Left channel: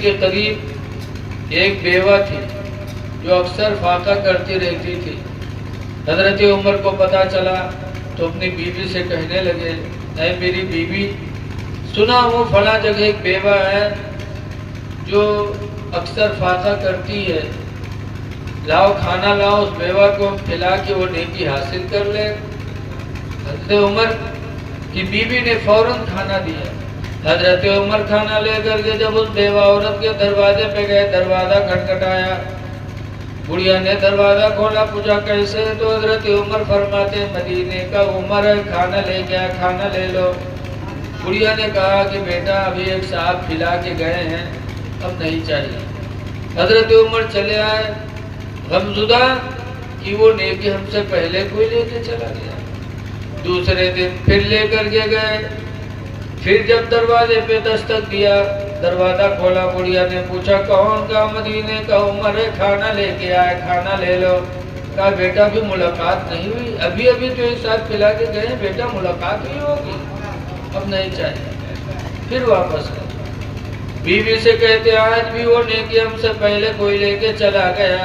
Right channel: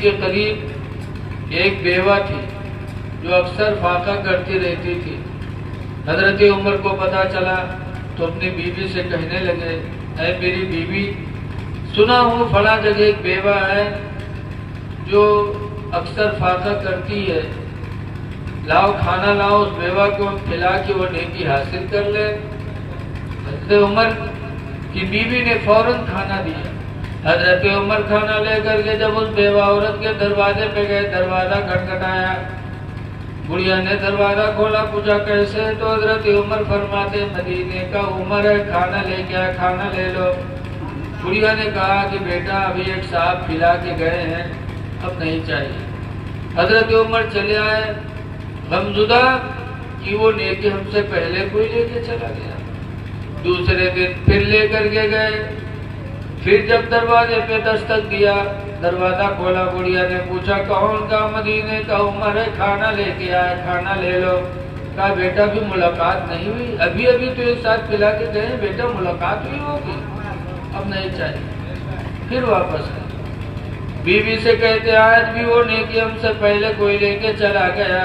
کے قریب ایک بیوہ تھی جو اکثر فاقہ کرتی رہتی تھی۔ حضرت عمر کو پتہ چلا تو اپنی بیوی سے کہنے لگے، اے میری بیوی، سنا ہوں فلاں جگہ ایک بیوہ ہے جو اکثر فاقہ کرتی ہے، لاؤ کھانا لاؤ، اس بیوہ کو کھلا کے وہ نیکی حاصل کر لے۔ حضرت عمر کی بیوی نے فوراً کھانا دیا۔ حضرت عمر کھانا لے کر کے جب اس بیوہ عورت کے دروازے پہ گئے، دروازہ کھٹکھٹایا، بڑھیا نے دروازہ کھولا، پوچھا کیسے؟ تو حضرت عمر فرماتے مدینے کا عمر ہے، کھانا لے گیا، کھانا لے لو۔ بڑھیا نے کہا کہ بیٹا ابھی ایک صاحب کھلا کے گئے ہیں، اب نہیں چاہیے۔ حضرت عمر چلے آئے غمزدہ کہ وہ نیکی ہم سے پہلے کوئی لے کے چلا گیا۔ دوسرے دن پھر لے کر کے گئے، پھر جب دروازے پہ دستک دیا، دروازہ کھولا، بڑھیا نے پوچھا کون؟ کا مدینے کا عمر ہے، کھانا لے کے آئے، کھانا لے لو۔ کہا بیٹا ابھی ملاقات نہیں ہوئی، ابھی ابھی تو ایک ساتھ کھلا کے گئے ہیں، بیٹا ملاقات ہوئی ہوگی، اب نہیں چاہیے۔ پھر واپس آئے، بیوی سے کہتے آج بھی وہ نیکی ہم سے پہلے کوئی لے کے چلا گیا۔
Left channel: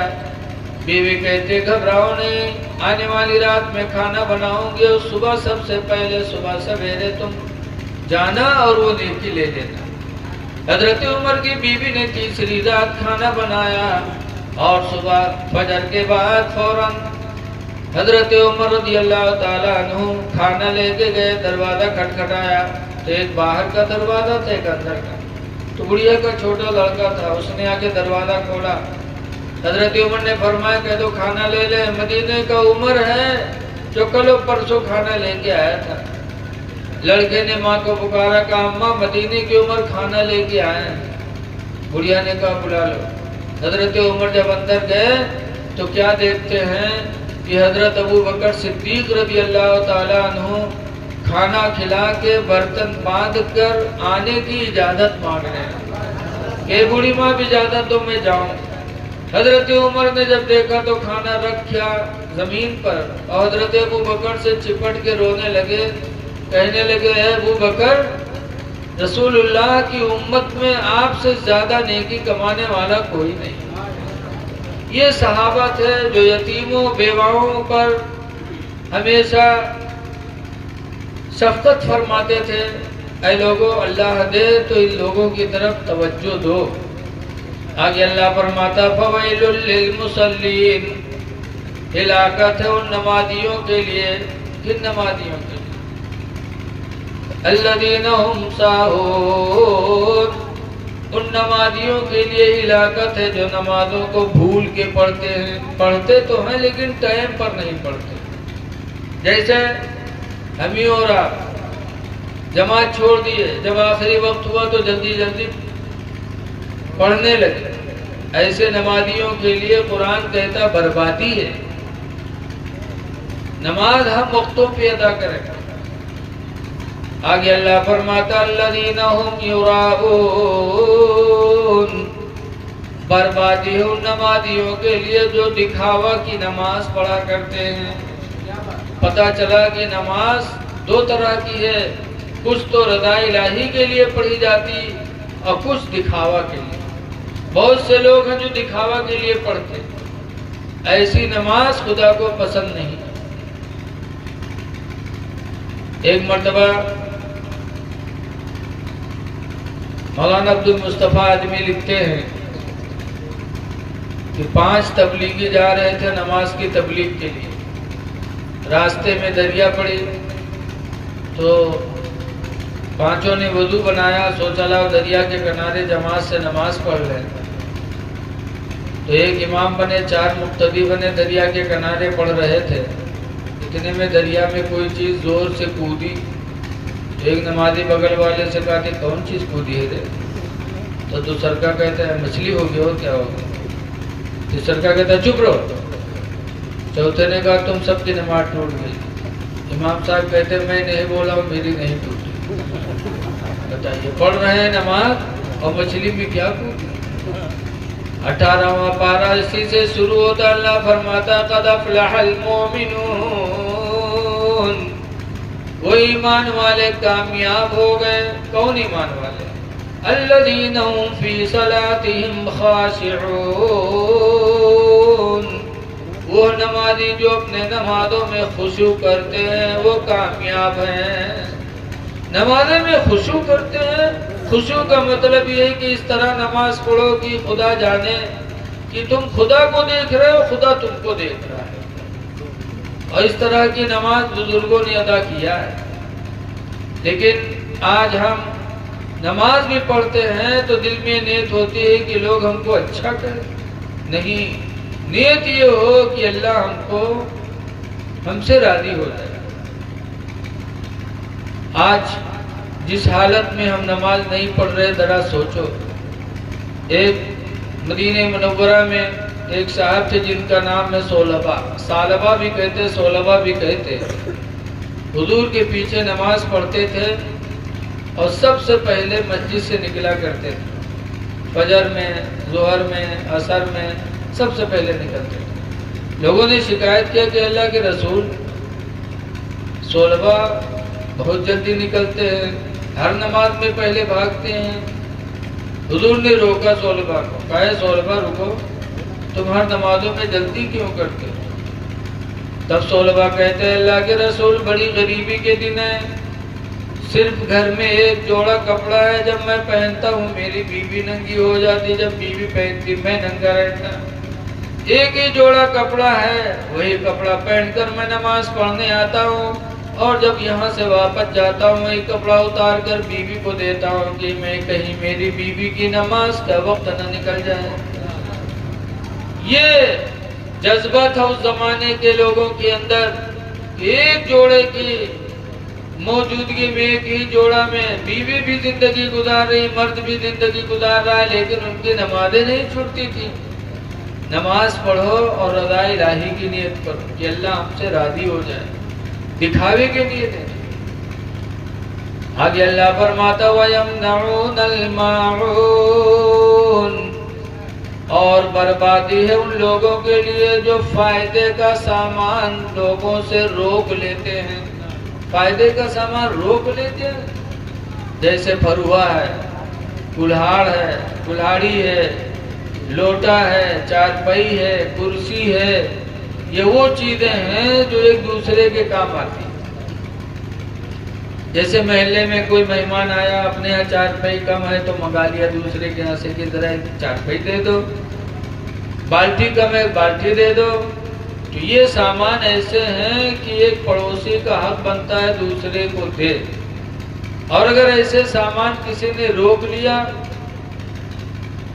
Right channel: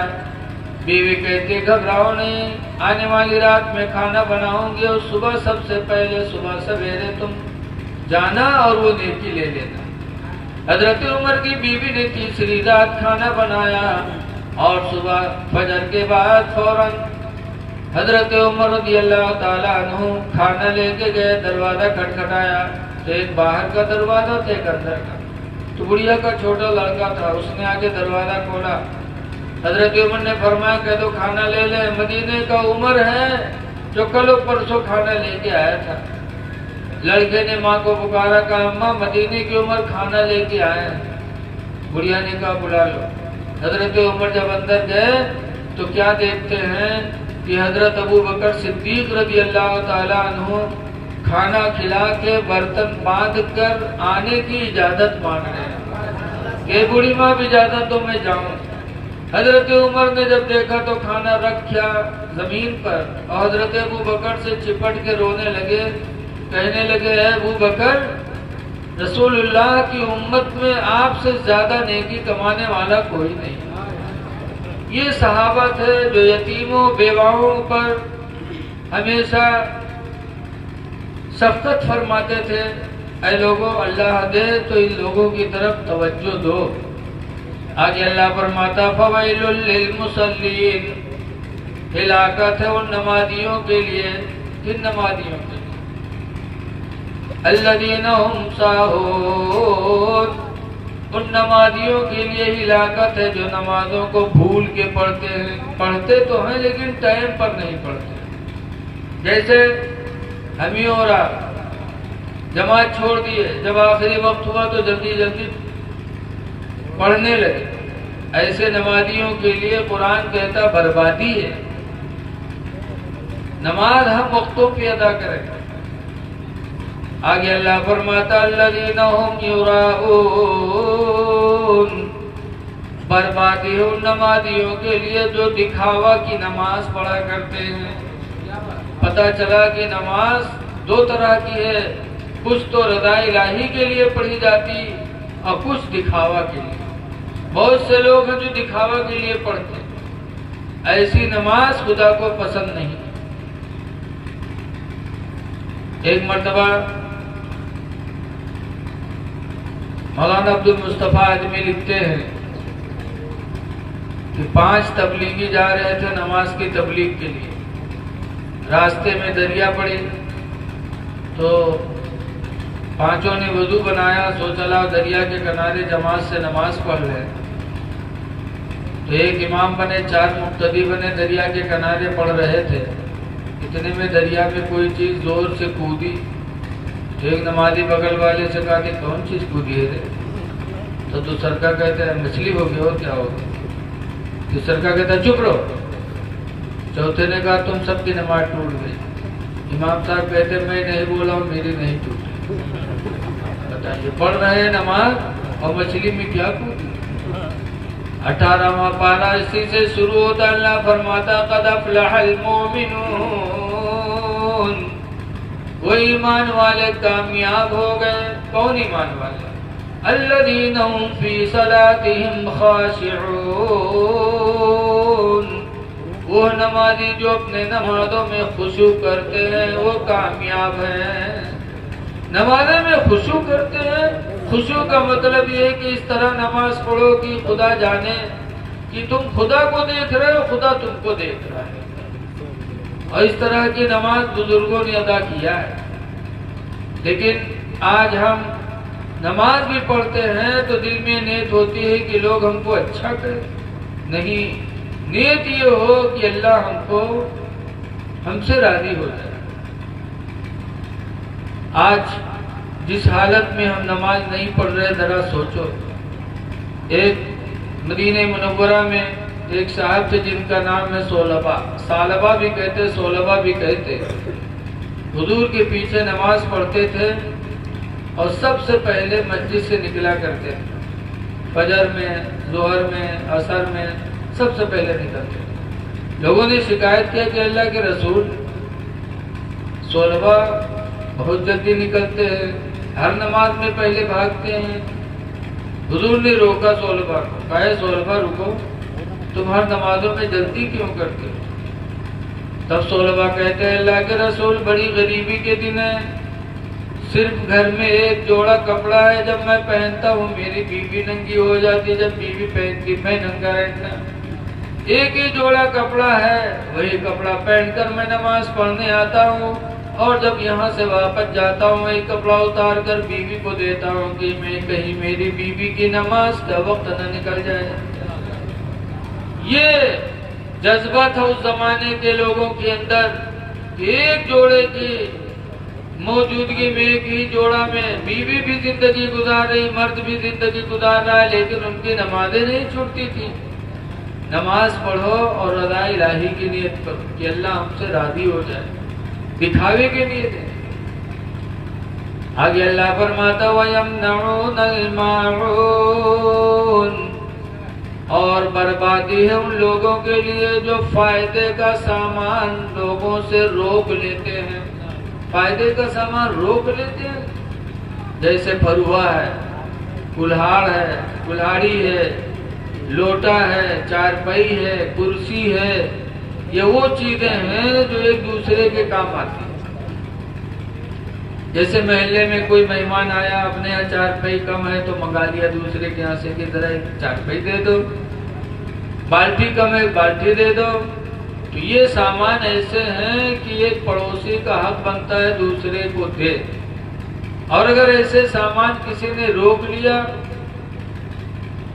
بیوی کہتے گھبراؤ نہیں، آنے والی رات میں کھانا بناؤں گی اور صبح سب سے پہلے صبح سویرے تم جانا اور وہ نیکی لے لینا۔ حضرت عمر کی بیوی نے تیسری رات کھانا بنایا اور صبح فجر کے بعد فوراً حضرت عمر رضی اللہ تعالیٰ عنہ کھانا لے کے گئے، دروازہ کھٹکھٹایا تو ایک باہر کا دروازہ تھا، ایک اندر کا۔ تو بڑھیا کا چھوٹا لڑکا تھا، اس نے آگے دروازہ کھولا۔ حضرت عمر نے فرمایا کہ تو کھانا لے لے، مدینے کا عمر ہے جو کل پرسوں کھانا لے کے آیا تھا۔ لڑکے نے ماں کو پکارا، کہا اماں مدینے کی عمر کھانا لے کے آئے ہیں۔ بڑھیا نے کہا بلا لو۔ حضرت عمر جب اندر گئے تو کیا دیکھتے ہیں کہ حضرت ابو بکر صدیق رضی اللہ تعالیٰ عنہ کھانا کھلا کے برتن باندھ کر آنے کی اجازت مانگ رہے ہیں کہ بوڑھی ماں بھی اجازت دو میں جاؤں۔ حضرت عمر نے جب دیکھا تو کھانا رکھا زمین پر اور حضرت ابو بکر سے چپٹ کے رونے لگے، کہنے لگے اے ابو بکر، رسول اللہ کی امت میں آپ سے زیادہ نیکی کمانے والا کوئی نہیں۔ یہ صحابہ تھے جو یتیموں بیواؤں پر ہمیشہ شفقت فرماتے تھے، اے لوگوں اللہ دے تو ان لوگوں کی طرف توجہ دو۔ آگے اللہ فرماتا فویل للمصلین، ہلاکت ہے ان نمازیوں کے لیے۔ کن نمازیوں کے لیے؟ الذین هم ساہون، ان نمازیوں کے لیے ہلاکت ہے جو نمازوں کو بھول کے پڑھتے ہیں، پڑھتے تو ہیں لیکن ٹائم پر نہیں پڑھتے۔ جیسے ہم ہی اور آپ جماعت چھوڑ دیے، جب آخری وقت ہوا تو جلدی جلدی پڑھنے لگے، ایسے نمازیوں کے لیے قرآن کہتا بربادی ہے۔ نماز ہم وقتوں پہ ادا کریں۔ آگے اللہ فرماتا الذین هم یراؤون، بربادی ہے ان نمازیوں کے لیے جو دکھاوا کی نماز پڑھا کرتے ہیں۔ پتہ چلا کہ نماز دو طرح کی ہے، کچھ تو رضا الہی کے لیے پڑھی جاتی اور کچھ دکھاوا کے لیے۔ بہت سے لوگ ہیں جو دکھاوا کے لیے پڑھتے، ایسی نماز خدا کو پسند نہیں۔ ایک مرتبہ مولانا عبد المصطفیٰ آدمی لکھتے ہیں کہ 5 تبلیغی جا رہے تھے نماز کی تبلیغ کے لیے، راستے میں دریا پڑی تو 5 نے وضو بنایا، سوچا لاؤ دریا کے کنارے جماعت سے نماز پڑھ رہے۔ تو ایک امام بنے، 4 مقتدی بنے، دریا کے کنارے پڑھ رہے تھے۔ اتنے میں دریا میں کوئی چیز زور سے کودی، ایک نمازی بغل والے سے کہا کہ کون چیز کودی ہے رے؟ تو دوسرا کہتا ہے مچھلی ہو گیا، اور کیا ہو گیا؟ تیسرا کہتا ہے چپ رہو۔ چوتھے نے کہا تم سب کی نماز ٹوٹ گئی۔ امام صاحب کہتے میں نہیں بولا ہوں، میری نہیں ٹوٹی۔ بتائیے پڑھ رہے ہیں نماز اور مچھلی میں کیا کودی؟ 18واں پارہ اسی سے شروع ہوتا، اللہ فرماتا قد افلح المؤمنون، وہ ایمان والے کامیاب ہو گئے۔ کون ایمان والے؟ الذین هم فی صلاتهم خاشعون، وہ نمازی جو اپنے نمازوں میں خشوع کرتے ہیں وہ کامیاب ہیں۔ نمازیں میں خشوع کرتے ہیں، خشوع کا مطلب یہ ہے کہ اس طرح نماز پڑھو کہ خدا جانے کہ تم خدا کو دیکھ رہے ہو، خدا تم کو دیکھ رہا ہے۔ اور اس طرح کی نماز بزرگوں نے ادا کیا ہے۔ لیکن آج ہم نماز بھی پڑھتے ہیں تو دل میں نیت ہوتی ہے کہ لوگ ہم کو اچھا کریں، نہیں، نیت یہ ہو کہ اللہ ہم سے راضی ہو جائے۔ آج جس حالت میں ہم نماز نہیں پڑھ رہے ذرا سوچو۔ ایک مدینہ منورہ میں ایک صاحب تھے جن کا نام ہے سالبہ بھی کہتے، سولبہ بھی کہتے۔ حضور کے پیچھے نماز پڑھتے تھے اور سب سے پہلے مسجد سے نکلا کرتے تھے، فجر میں، ظہر میں، عصر میں سب سے پہلے نکلتے تھے۔ لوگوں نے شکایت کیا کہ اللہ کے رسول سولبہ بہت جلدی نکلتے ہیں، ہر نماز میں پہلے بھاگتے ہیں۔ حضور نے روکا سولبہ کو، کہا سولبہ رکو، تم ہر نمازوں میں جلدی کیوں کرتے ہو؟ تب سولبہ کہتے ہیں اللہ کے رسول بڑی غریبی کے دن ہے، صرف گھر میں ایک جوڑا کپڑا ہے، جب میں پہنتا ہوں میری بیوی ننگی ہو جاتی، جب بیوی پہنتی میں ننگا رہتا۔ ایک ہی جوڑا کپڑا ہے، وہی کپڑا پہن کر میں نماز پڑھنے آتا ہوں، اور جب یہاں سے واپس جاتا ہوں وہی کپڑا اتار کر بیوی کو دیتا ہوں کہ میں کہیں میری بیوی کی نماز کا وقت نہ نکل جائے۔ یہ جذبہ تھا اس زمانے کے لوگوں کے اندر، ایک جوڑے کی موجودگی میں، ایک ہی جوڑا میں بیوی بھی زندگی گزار رہی، مرد بھی زندگی گزار رہا ہے، لیکن ان کی نمازیں نہیں چھوٹتی تھی۔ نماز پڑھو اور رضا الہی کی نیت کرو کہ اللہ ہم سے راضی ہو جائے، دکھاوے کے لیے نہیں۔ آگے اللہ فرماتا وَيَمْنَعُونَ الْمَاعُونَ، اور بربادی ہے ان لوگوں کے لیے جو فائدے کا سامان لوگوں سے روک لیتے ہیں۔ فائدے کا سامان روک لیتے ہیں، جیسے پھروا ہے، کلہاڑ ہے، کلہاڑی ہے، لوٹا ہے، چارپائی ہے، کرسی ہے، یہ وہ چیزیں ہیں جو ایک دوسرے کے کام آتی ہیں۔ جیسے محلے میں کوئی مہمان آیا، اپنے یہاں چارپائی کم ہے تو منگا لیا دوسرے کے یہاں سے کہ ذرا ایک چارپائی دے دو، بالٹی کم ہے بالٹی دے دو۔ تو یہ سامان ایسے ہیں کہ ایک پڑوسی کا حق بنتا ہے دوسرے کو دے، اور اگر ایسے سامان کسی نے روک لیا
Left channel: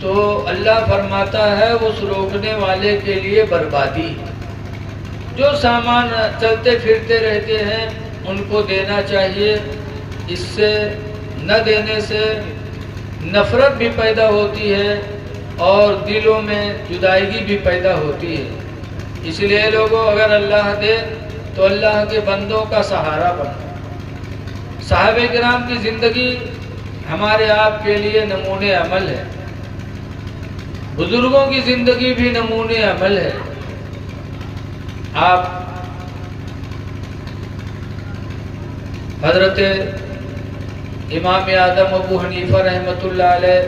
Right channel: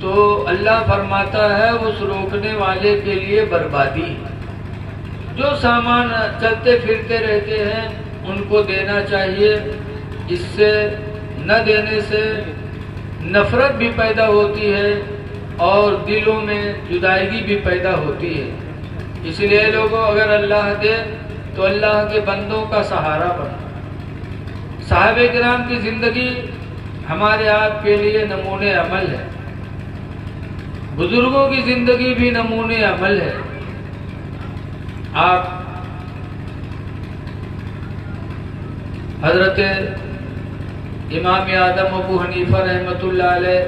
تو اللہ فرماتا ہے اس روکنے والے کے لیے بربادی۔ جو سامان چلتے پھرتے رہتے ہیں ان کو دینا چاہیے، اس سے نہ دینے سے نفرت بھی پیدا ہوتی ہے اور دلوں میں جدائیگی بھی پیدا ہوتی ہے۔ اس لیے لوگوں اگر اللہ دے تو اللہ کے بندوں کا سہارا بنو۔ صحابہ کرام کی زندگی ہمارے آپ کے لیے نمونے عمل ہے، بزرگوں کی زندگی بھی نمونے عمل ہے۔ آپ حضرت امام اعظم ابو حنیفہ رحمۃ اللہ علیہ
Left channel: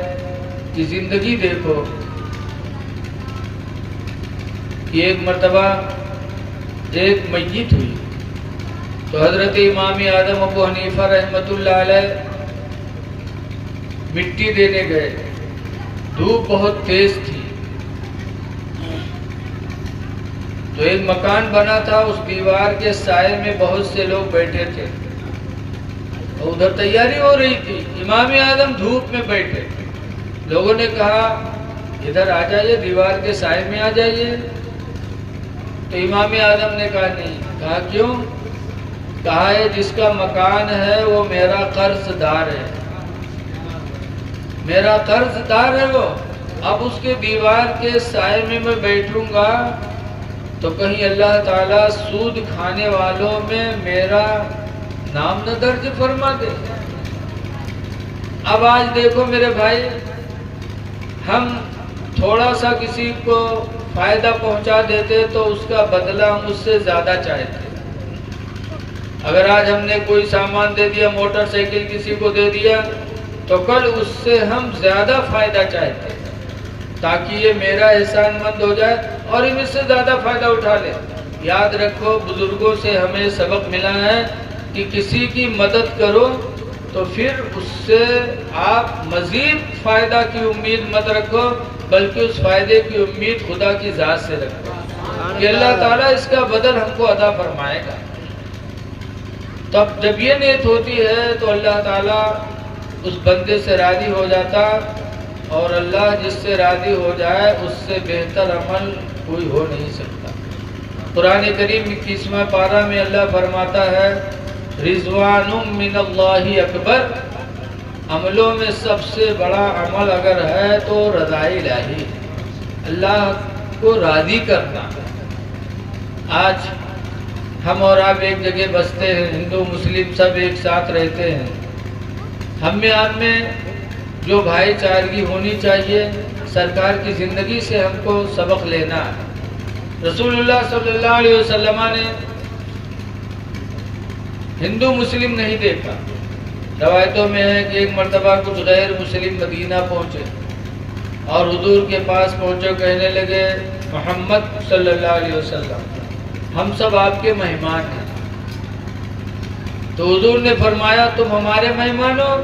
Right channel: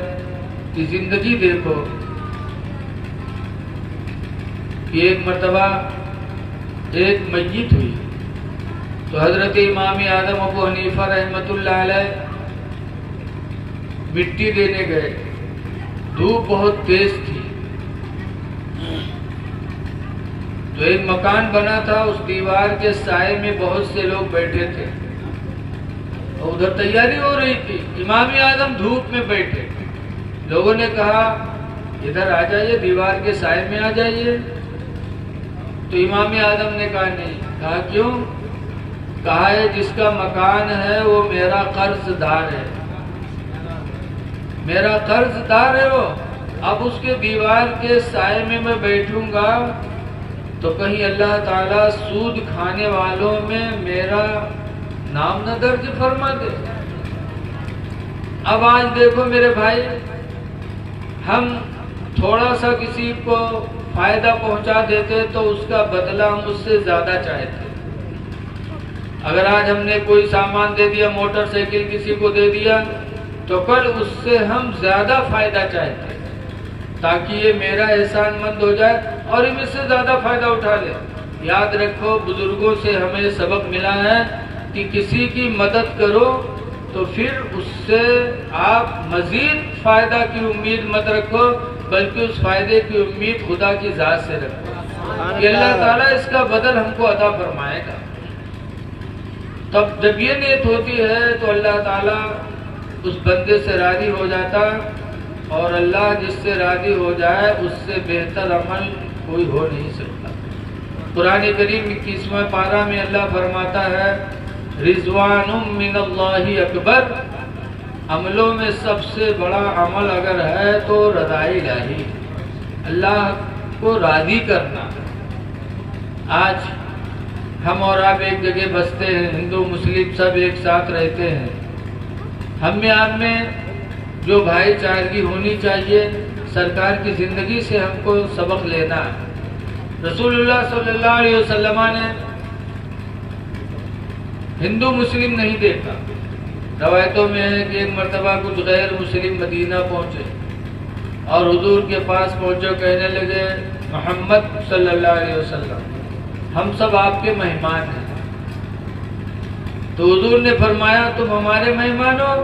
کی زندگی دیکھو کہ ایک مرتبہ ایک میت ہوئی تو حضرت امام اعظم ابو حنیفہ رحمۃ اللہ علیہ مٹی دینے گئے، دھوپ بہت تیز تھی، تو ایک مکان بنا تھا، اس دیوار کے سائے میں بہت سے لوگ بیٹھے تھے اور ادھر تیاری ہو رہی تھی، امام اعظم دھوپ میں بیٹھے۔ لوگوں نے کہا ادھر آ جائیے، دیوار کے سائے میں آ جائیے، تو امام اعظم نے کہا نہیں۔ کہا کیوں؟ کہا ہے جس کا مکان ہے وہ میرا قرض دار ہے، میرا قرض دار ہے وہ، اب اس کے دیوار کے سائے میں بیٹھوں گا تو کہیں اللہ تعالیٰ سود کھانے والوں میں میرا نام نہ درج فرما دے۔ اب آج دیکھو میرے بھائی، ہم تھوڑا سا کسی کو فائدہ پہنچا دیتے تو اس کا بدلہ ہم اس سے زیادہ چاہتے۔ اگر آج ہم نے کوئی سامان دے دیا، موٹر سائیکل کسی کو دے دیا تو کل اس سے ہم زیادہ فائدہ چاہتے ہیں تاکہ یہ میرا احسان مند ہو جائے اور ہم اس سے زیادہ فائدہ اٹھا لیں۔ یاد رکھو بزرگوں سے ہمیں سبق ملا ہے کہ کسی کی مدد کرو تو پھر اس سے آپ مزید فائدہ کی امید مت رکھو، بلکہ اس فائدے کی امید خدا کی ذات سے رکھو کہ اللہ تعالیٰ اس کا بدل ہم کو عطا فرمائے گا۔ تب جب یہ نیت ہوتی ہے تو اللہ تعالیٰ اس بندے سے راضی ہو جاتا، اور اللہ جس سے راضی ہو جائے اس سے بہتر عمل کوئی ہو نہیں سکتا۔ قرآن کریم 21واں پارہ میں اللہ فرماتا ہے رضوان من اللہ اکبر، عملوں میں سب سے بڑا عمل اگر ہے تو رضائے الہی، اللہ کو راضی کرنا۔ آج ہم اور آپ ایک جگہ بستے ہیں، ہندو مسلم سب ایک ساتھ رہتے ہیں، ہم میں جو بھائی چارگی ہونی چاہیے سرکار کی زندگی سے ہم کو سبق لینا ہے۔ رسول اللہ صلی اللہ علیہ وسلم نے ہندو مسلم نہیں دیکھا۔ روایتوں میں ہے کہ ایک مرتبہ کچھ غیر مسلم مدینہ پہنچے اور حضور کے پاس پہنچے، کہنے لگے محمد صلی اللہ علیہ وسلم ہم سب آپ کے مہمان ہیں۔ تو حضور نے فرمایا تم ہمارے مہمان ہو؟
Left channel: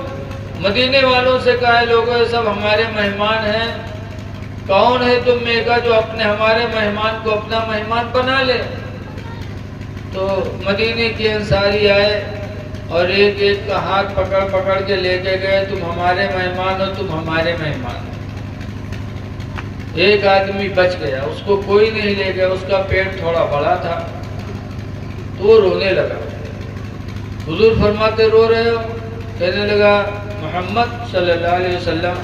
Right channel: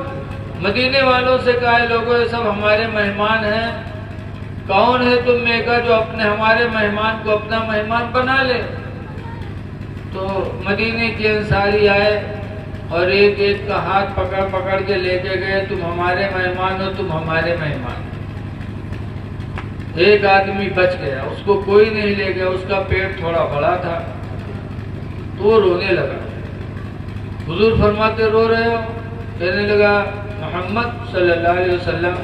مدینے والوں سے کہا لوگوں یہ سب ہمارے مہمان ہیں، کون ہے تم میں کا جو ہمارے مہمان کو اپنا مہمان بنا لے؟ تو مدینے کے انصاری آئے اور ایک ایک کا ہاتھ پکڑ پکڑ کے لے کے گئے، تم ہمارے مہمان ہو، تم ہمارے مہمان۔ ایک آدمی بچ گیا، اس کو کوئی نہیں لے گیا، اس کا پیٹ تھوڑا بڑا تھا تو وہ رونے لگا۔ حضور فرماتے رو رہے ہو؟ کہنے لگا محمد صلی اللہ علیہ وسلم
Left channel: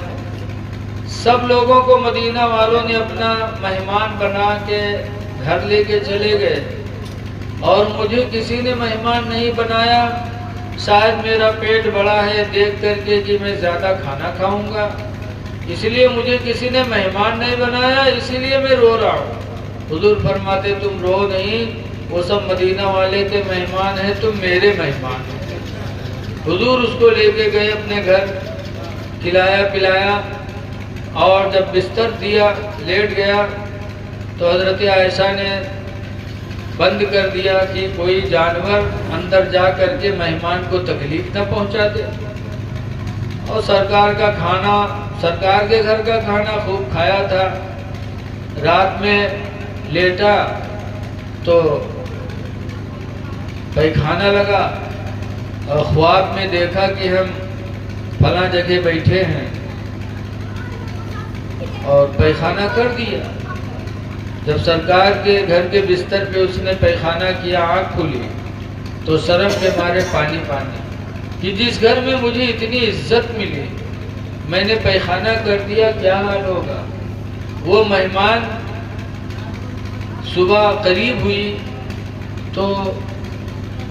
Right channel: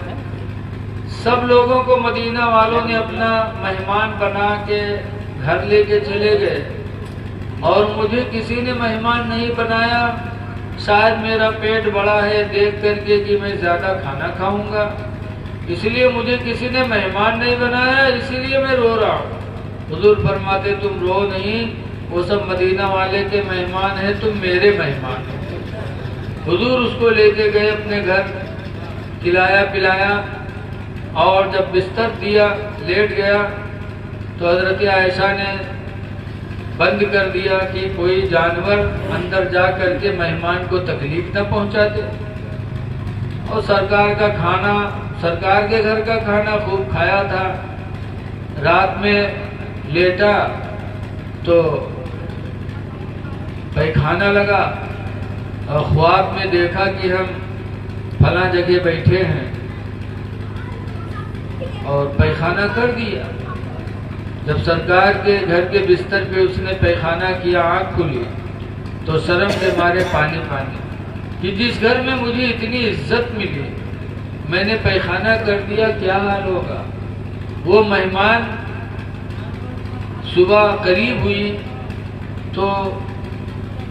سب لوگوں کو مدینہ والوں نے اپنا مہمان بنا کے گھر لے کے چلے گئے اور مجھے کسی نے مہمان نہیں بنایا، شاید میرا پیٹ بڑا ہے دیکھ کر کے کہ میں زیادہ کھانا کھاؤں گا، اس لیے مجھے کسی نے مہمان نہیں بنایا، اسی لیے میں رو رہا ہوں۔ حضور فرماتے تم رو نہیں، وہ سب مدینہ والے کے مہمان ہیں، تم میرے مہمان ہو۔ حضور اس کو لے کے گئے اپنے گھر، کھلایا پلایا، اور جب بستر دیا لیٹ گیا تو حضرت عائشہ نے بند کر دیا کہ کوئی جانور اندر جا کر کے مہمان کو تکلیف نہ پہنچا دے، اور سرکار کا کھانا، سرکار کے گھر کا کھانا خوب کھایا تھا۔ رات میں لیٹا تو پیخانہ لگا اور خواب میں دیکھا کہ ہم فلاں جگہ بیٹھے ہیں اور پیخانہ کر دیا۔ جب سرکار کے گھر کے بستر پہ اس نے پیخانہ کیا، آنکھ کھلی تو شرم کے مارے پانی پانی کہ جس گھر میں مجھے اتنی عزت ملی میں نے پیخانہ کر دیا، کیا حال ہوگا۔ وہ مہمان صبح قریب ہوئی تو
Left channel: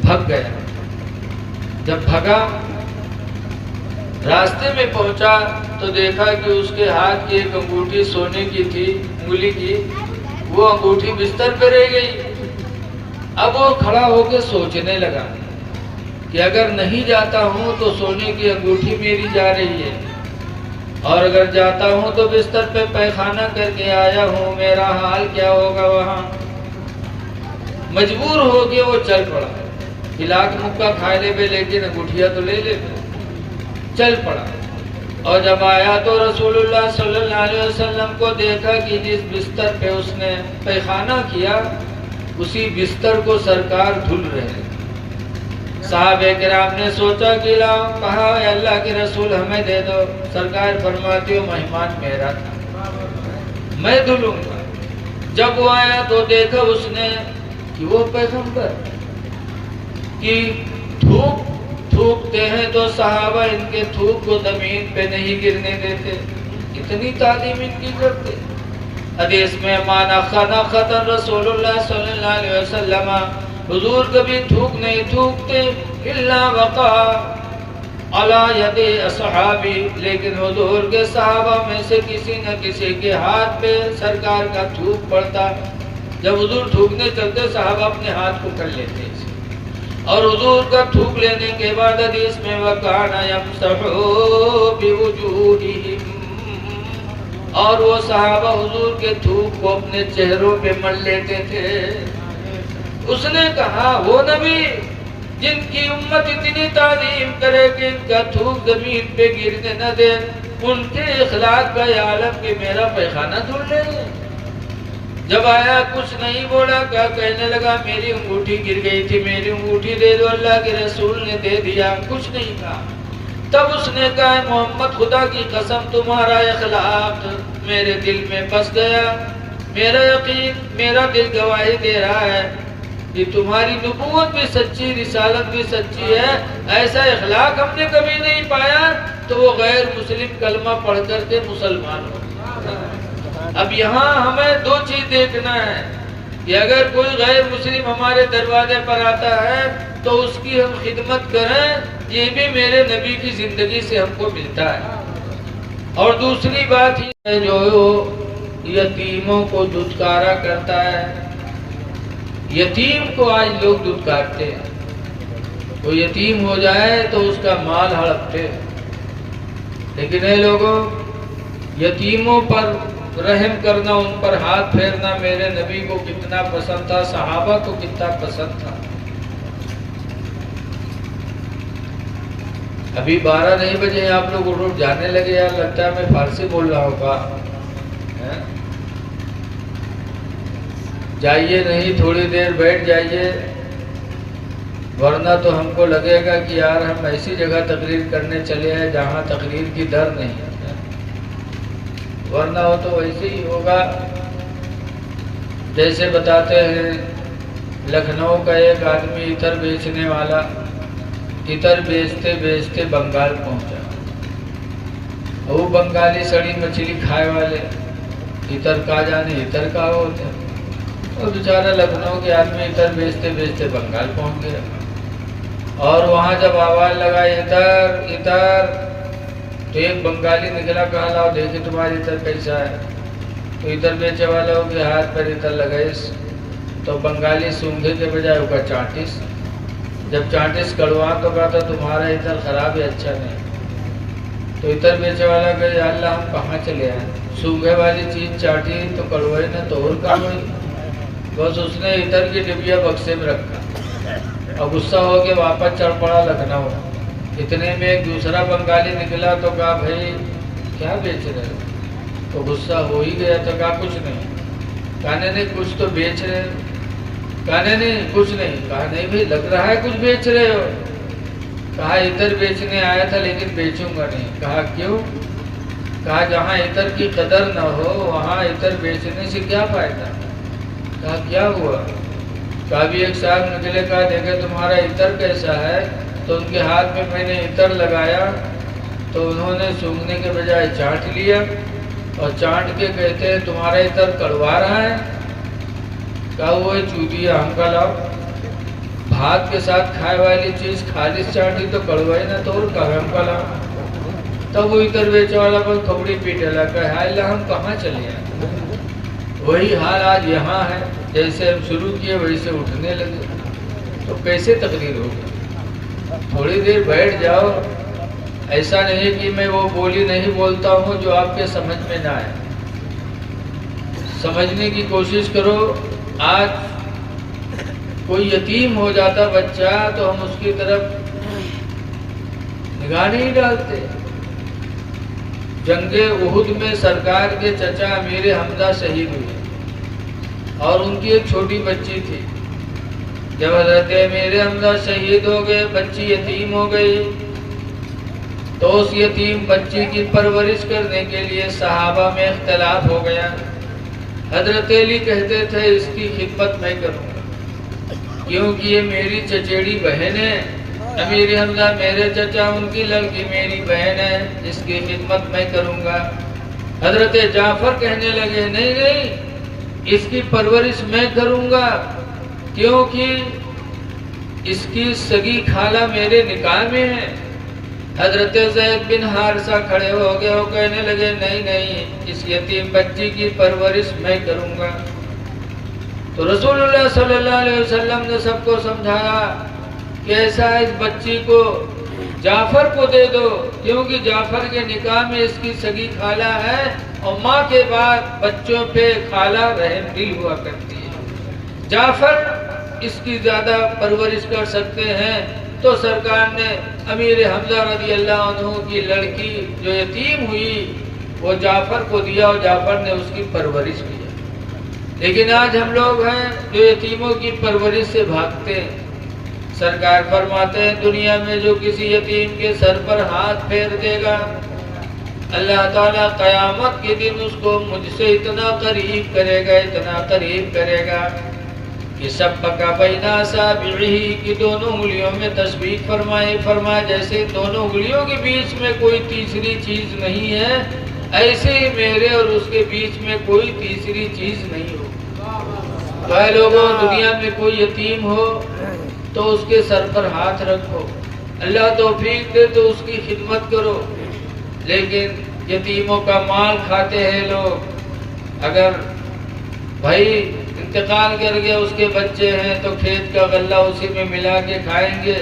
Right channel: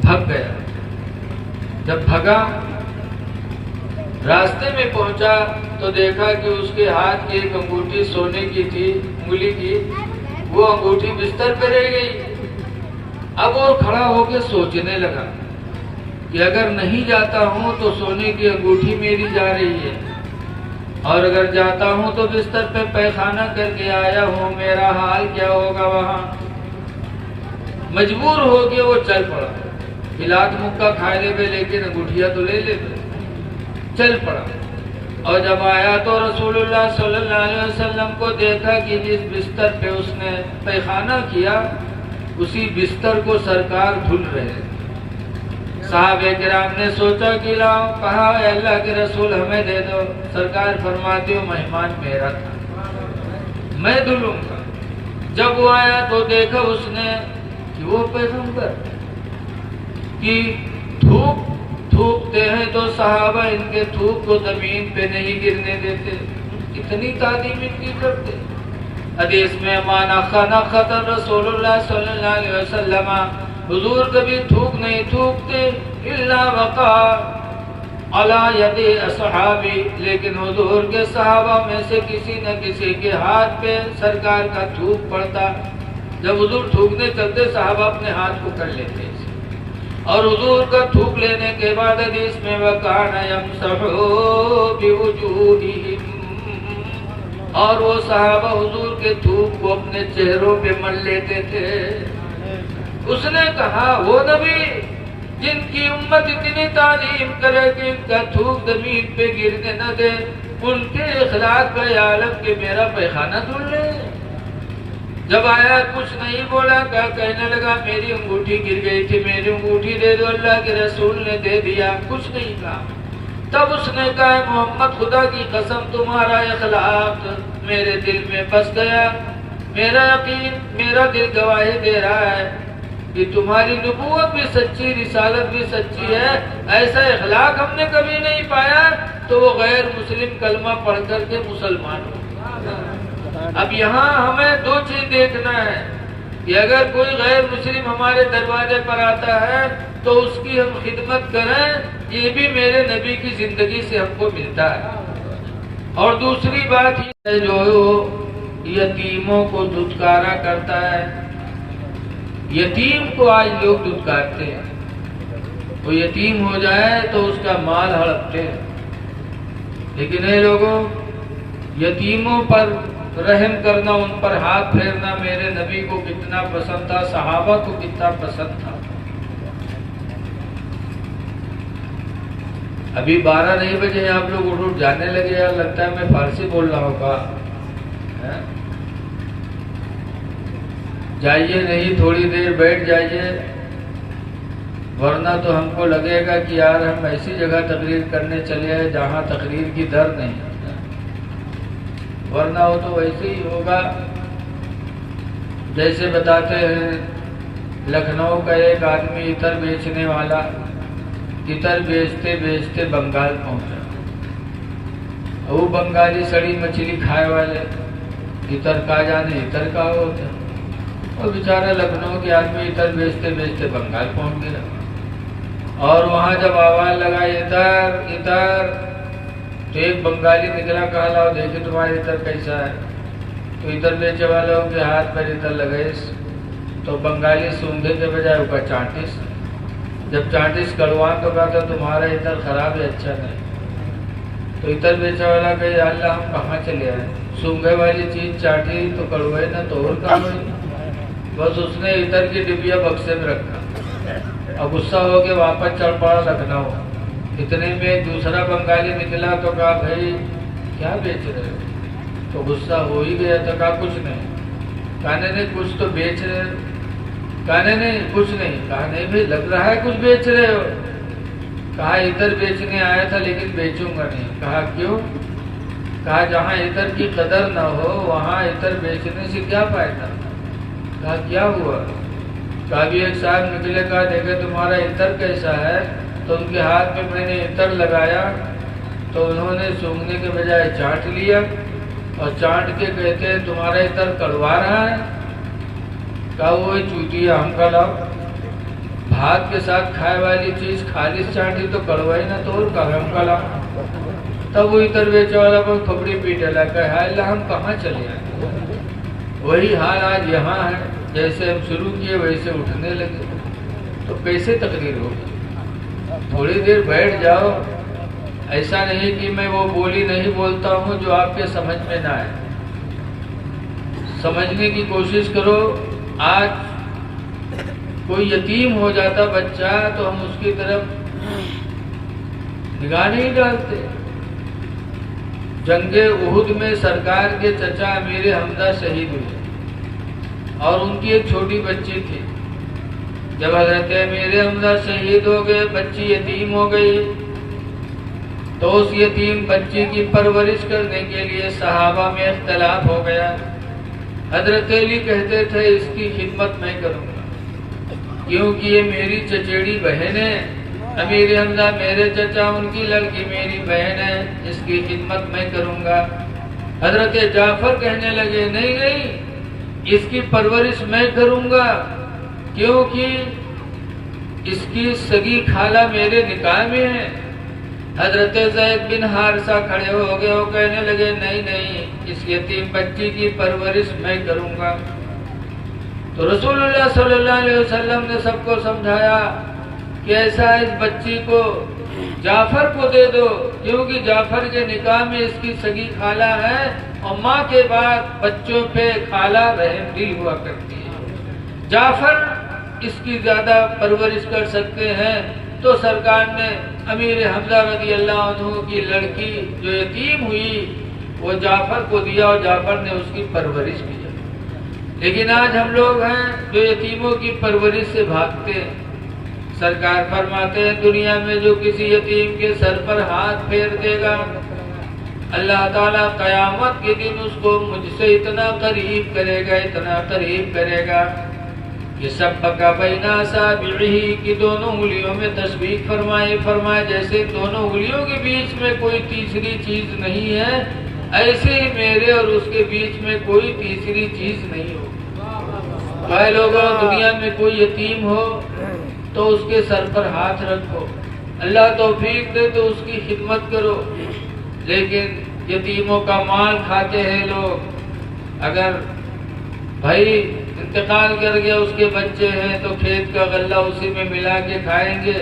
بھگ گیا، جب بھگا راستے میں پہنچا تو دیکھا کہ اس کے ہاتھ کی ایک انگوٹھی سونے کی تھی، انگلی کی، وہ انگوٹھی بستر پہ رہ گئی۔ اب وہ کھڑا ہو کے سوچنے لگا کہ اگر نہیں جاتا ہوں تو سونے کی انگوٹھی میری جا رہی ہے، اور اگر جاتا ہوں تو بستر پہ پیخانہ کر کے آیا ہوں، میرا حال کیا ہوگا وہاں۔ مجبور ہو کے وہ چل پڑا، ہلاک مکہ کھا لے بے لیکن انگوٹھیا تو لے لے، چل پڑا۔ اور جب آیا تو رسول اللہ صلی اللہ علیہ وسلم کو دیکھا کہ جس بستر پہ اس نے پیخانہ کیا اسی بستر کو سرکار دھل رہے ہیں۔ صحابہ کرام نے سوچا کہ لاؤ، کہا اے اللہ کے رسول ہمیں دے دو۔ سرکار فرماتے ہو مہمان میرا تھا، میں دھلوں گا۔ جب وہ آیا تو دیکھا اس نے کہ وہ پیغمبر کی تھوکتے ہیں تو صحابہ ان کے تھوک کو زمین پہ نہیں گرنے دیتے، اتنی تعظیم ان کی کرتے۔ حدیث میں مانا خنقت رسول اللہ صلی اللہ علیہ وسلم، حضور کبھی تھوک نہیں تھوکتے، الا وقع علی ید اصحابی، لیکن حضور کے صحابہ میں سے کسی نہ کسی کے ہاتھ پہ سرکار کا تھوک پڑتا۔ جب حضور تھوکنے چلتے صحابہ اپنے ہاتھ کو کر لیتے، اور حضور کا تھوک لینے کے بعد حدیث میں وَكَانَ يَمْسَحُ بِوُجُوهِهِمْ، اور وہ صحابہ حضور کے تھوک کو اپنے چہروں پہ مل لیتے تھے۔ اس نے کہا وہ نبی جن کی امت اتنی تعظیم کرے کہ ان کا تھوک زمین پہ گرنے نہ دے، ان کے اخلاق کا یہ عالم کہ میرا پیخانہ دھل لے۔ جب آیا کچھ نہیں بولا، کیا کہنے لگا میری انگوٹھی گر گئی تھی، میری انگوٹھی دے دو، اللہ کے رسول نے دے دیا، کچھ نہیں کہا۔ تب اس نے کہا محمد خدا کی قسم تمہارا اخلاق میرے دل میں بس گیا، میرا یقین، میرا دل گواہی دے رہا ہے کہ تمہاری نبوت بھی سچی، رسالت بھی سچی ہے، ایسا اخلاق ہم نے کبھی نہیں پایا۔ تو وہ غیر مسلم کلمہ پڑھ کر کے مسلمان ہو۔ اب یہاں ہمیں دو چیز دیکھنا ہے کہ اگر کوئی غیر مسلم ہمارے دروازے پر آتا ہے تو اس کی ہم خدمت کریں، یہ بھی میرے نبی کی زندگی سے ہم کو ملتا ہے۔ اور دوسری بات یہ ہے جو یتیموں کو دھتکارا کرتا ہے، یتیم کو آج لوگ دھتکارتے ہیں، وہ یتیم ہو جائے تو اس کا مال ہڑپتے ہیں، لیکن اے لوگوں یتیموں پر رحم کرنا، ان پر ہاتھ پھیرنا میرے نبی کو کتنا پسند تھا، صحابہ کو کتنا پسند تھا۔ ابھی 12 نہیں بجے آپ لوگ اٹھ جانے لگے، یار لگتا ہے میں فارسی بول رہا ہوں کا جائیے نہیں، تھوڑی دیر بیٹھ جائیے، ورنہ تو ہم کو لگے گا کہ یار ہم ایسی جگہ تقریر کرنے چلے ہیں جہاں تقریر کی ڈر نہیں، ورنہ ہو تو ویسے ہی ہوگا۔ جیسے بتاتے ہیں لکھنؤ کا ایک آدمی عطر بیچنے والا عطر بیچتے بیچتے بنگال پہنچا، وہ بنگالی سڑی مچھلی کھائے والے عطر کا جانے عطر کا ہوتا ہے، اور بیچارہ لکھنؤ کے آدمی عطر بیچتے بیچتے بنگال پہنچ گیا، اور وہاں جب آواز لگا عطر عطر تو ایک بنگالی نکلا، کہا لاؤ دیکھے تمہاری عطر کیسا ہے، تو عطر بیچے والوں کے ہاتھ پر عطر لگائیس، تو بنگالی سونگھے کے بجائے وہ کا چانٹس، جب چانٹس کڑوا تو کہا تمہارا عطر خراب ہے، اچھا نہیں، تو عطر بیچے والا کہ اللہ ہم کہاں چلے آئے، سونگھے والی چیز چاٹی تو کڑوئی نہ تو اور کام ہوئی، بس اس نے عطر کی ڈبیا بکسے میں رکھا اور غصہ ہو کے واپس چڑھ پڑا لکھنؤ۔ اتنے میں ایک دوسرا بنگالی نکلا تو کہا بھائی کیا بیچ رہے ہو، تو غصہ ہو ہی گیا، تو کہا کچھ نہیں، کہنے نہیں کچھ تو بیچ رہے ہو، کہنے نہیں کچھ نہیں، کہا نہیں بھائی لگ رہا ہے کچھ بیچ رہے ہو، کہا عطر بیچنے آیا تھا لیکن بیچوں گا نہیں، کہا کیوں، کہا جہاں عطر کی قدر نہ ہو وہاں عطر بیچنے سے کیا فائدہ، کہا کیا ہوا، کہا بھی ایک صاحب نکلے، کہا دیکھے تمہارا عطر کیسا ہے، تو ان کے ہاتھ میں میں نے عطر لگایا تو انہوں نے سونگھنے کے بجائے چاٹ لیا، اور چاٹ کے کہتے ہیں تمہارا عطر کڑوا رہا ہے، کہا وہ چوٹیا ہم کا لاؤ، بھات کے ساتھ کھائے والی چیز خالص چاٹی تو کڑوائی نہ تو ہم کا لاؤ، تب وہ عطر بیچے والا کو کھپڑی پیٹے لگا، کہ ہائے اللہ ہم کہاں چلے آئے۔ وہی حال آج یہاں ہے، جیسے ہم شروع کیے ویسے اٹھنے لگے، تو کیسے تقریر ہوگی، تھوڑی دیر بیٹھ جاؤ، ایسا نہیں کہ میں وہ بولی نہیں بولتا ہوں جو آپ کے سمجھ میں نہ آئے، سمجھنے کی کوشش کرو۔ آج کوئی یتیم ہو جاتا بچہ تو ہم اس کی طرف نگاہ نہیں ڈالتے۔ جنگ احد میں سرکار کے چچا امیر حمزہ شہید ہوئے اور ان کی ایک چھوٹی بچی تھی، جب حضرت امیر حمزہ شہید ہو گئے بچی یتیم ہو گئی، تو اس یتیم بچی کی پرورش کرنے کے لیے صحابہ میں اختلاف ہو گیا۔ حضرت علی کہتے تھے اس کی خدمت میں کروں گا کیونکہ یہ میری چچیڑی بہن ہے، امیر حمزہ میرے چچا، ان کی لڑکی میری بہن ہے، اس کی خدمت میں کروں گا۔ حضرت جعفر کہنے لگے نہیں نہیں، اس کی پرورش میں کروں گا کیونکہ اس کی سگی خالہ میرے نکاح میں ہے۔ حضرت زید بن حارثہ کھڑے ہو گئے، وہ کہنے لگے نہیں نہیں، اس یتیم بچی کی پرورش میں کروں گا۔ تو رسول اللہ صلی اللہ علیہ وسلم نے سب کو سمجھایا کہ ایسا اس بچی کو جعفر کو دے دو، کیونکہ جعفر کے نکاح میں اس کی سگی خالہ ہے، اور ماں کے بعد بچوں پہ خالہ رحم دل ہوا کرتی ہے، جعفر اس کی زیادہ پرورش کر سکتے ہیں۔ تو سرکار نے امیر حمزہ رضی اللہ عنہ کی لڑکی جو یتیم ہوئی وہ جعفر کو دیا، اور جعفر نے اس کی پرورش کی۔ لیکن آج ہم لوگ ہیں جو یتیموں کی پرورش سے بھاگتے ہیں۔ سرکار فرماتے ہیں دنیا میں جو کسی یتیم کے سر پر ہاتھ پھیر دے گا، اللہ تعالیٰ قیامت کے دن اس کو مجھ سے اتنا قریب کرے گا، اتنا قریب کرے گا کہ سبق بین اصابعہ کی دونوں انگلیوں میں تشبیہ فرمائے جیسے دونوں انگلیوں کے بیچ میں کوئی تیسری چیز نہیں ہے، ایسے ہی میرے اور اس کے بیچ میں کوئی تیسری چیز نہیں ہو۔ بھائی لوگوں، دنیا میں کوئی یتیم ہو تو اس کے سر پر ہاتھ رکھو، اللہ توفیق دے تو اس کی خدمت کرو۔ لیکن یتیموں کا مال کھاتے ہیں لوگ۔ اگر بھائی انتقال کر گیا، اس کے بچے ہیں تو کھیت کا غلہ اسی میں ملا کے کھائیں گے،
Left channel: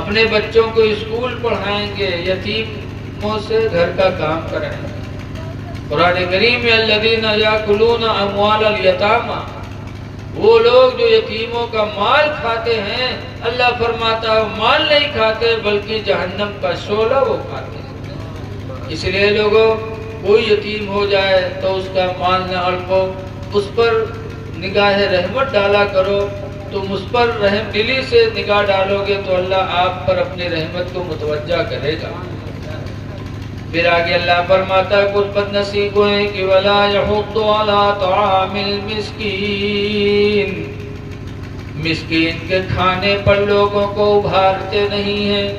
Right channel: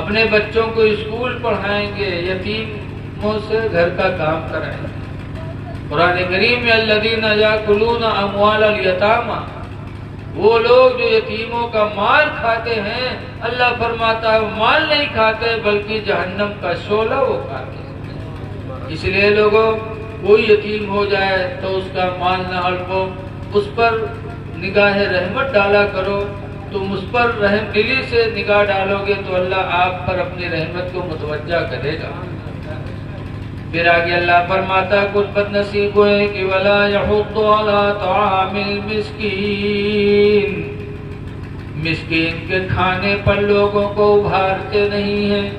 اپنے بچوں کو اسکول پڑھائیں گے، یتیموں سے گھر کا کام کرائیں گے۔ قرآن کریم میں الذین یاکلون اموال الیتامی، وہ لوگ جو یتیموں کا مال کھاتے ہیں، اللہ فرماتا ہے وہ مال نہیں کھاتے بلکہ جہنم کا شعلہ وہ کھاتے ہیں۔ اس لیے لوگوں، کوئی یتیم ہو جائے تو اس کا مال نہ ہڑپو، اس پر نگاہ رحمت ڈالا کرو۔ تم اس پر رحم دلی سے نگاہ ڈالو گے تو اللہ آپ پر اپنی رحمت کو متوجہ کرے گا۔ پھر آگے اللہ فرماتا ہے کچھ بد نصیب ہوئے کہ وَلَا يَحُضُّ عَلَىٰ طَعَامِ الْمِسْكِينِ، مسکین کے کھانے پر لوگوں کو ابھارتے نہیں ہیں،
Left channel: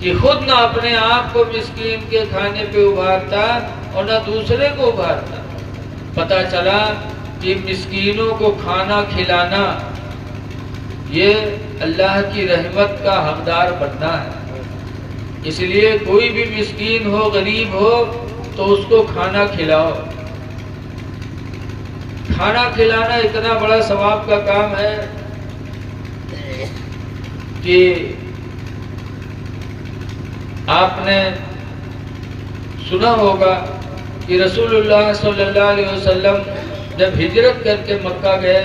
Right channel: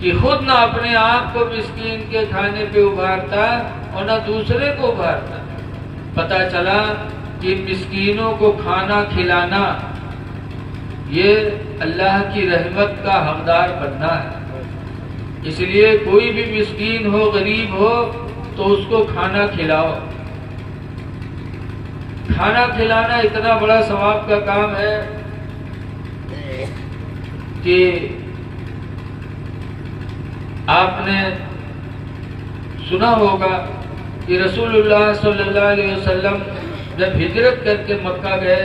کہ خود نہ اپنے آپ کو مسکین کے کھانے پہ ابھارتا اور نہ دوسرے کو ابھارتا۔ پتہ چلا کہ مسکینوں کو کھانا کھلانا یہ اللہ کی رحمت کا حقدار بننا ہے۔ اس لیے کوئی بھی مسکین ہو، غریب ہو تو اس کو کھانا کھلاؤ۔ کھانا کھلانا اتنا بڑا ثواب کا کام ہے کہ آپ نے سنا ہوگا کہ رسول اللہ صلی اللہ علیہ وسلم جب ہجرت کر کے مکہ گئے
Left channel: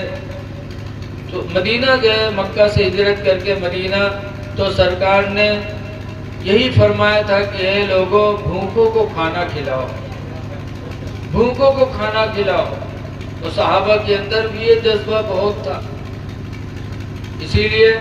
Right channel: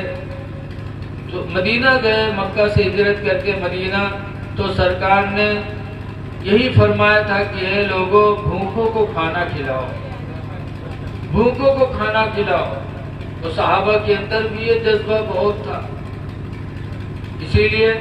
تو مدینہ گئے، مکہ سے ہجرت کر کے مدینہ، تو سرکار نے یہی فرمایا تھا کہ اے لوگوں، بھوکوں کو کھانا کھلاؤ، بھوکوں کو کھانا کھلاؤ۔ تو صحابہ کے اندر بھی یہ جذبہ بہت تھا، اسی لیے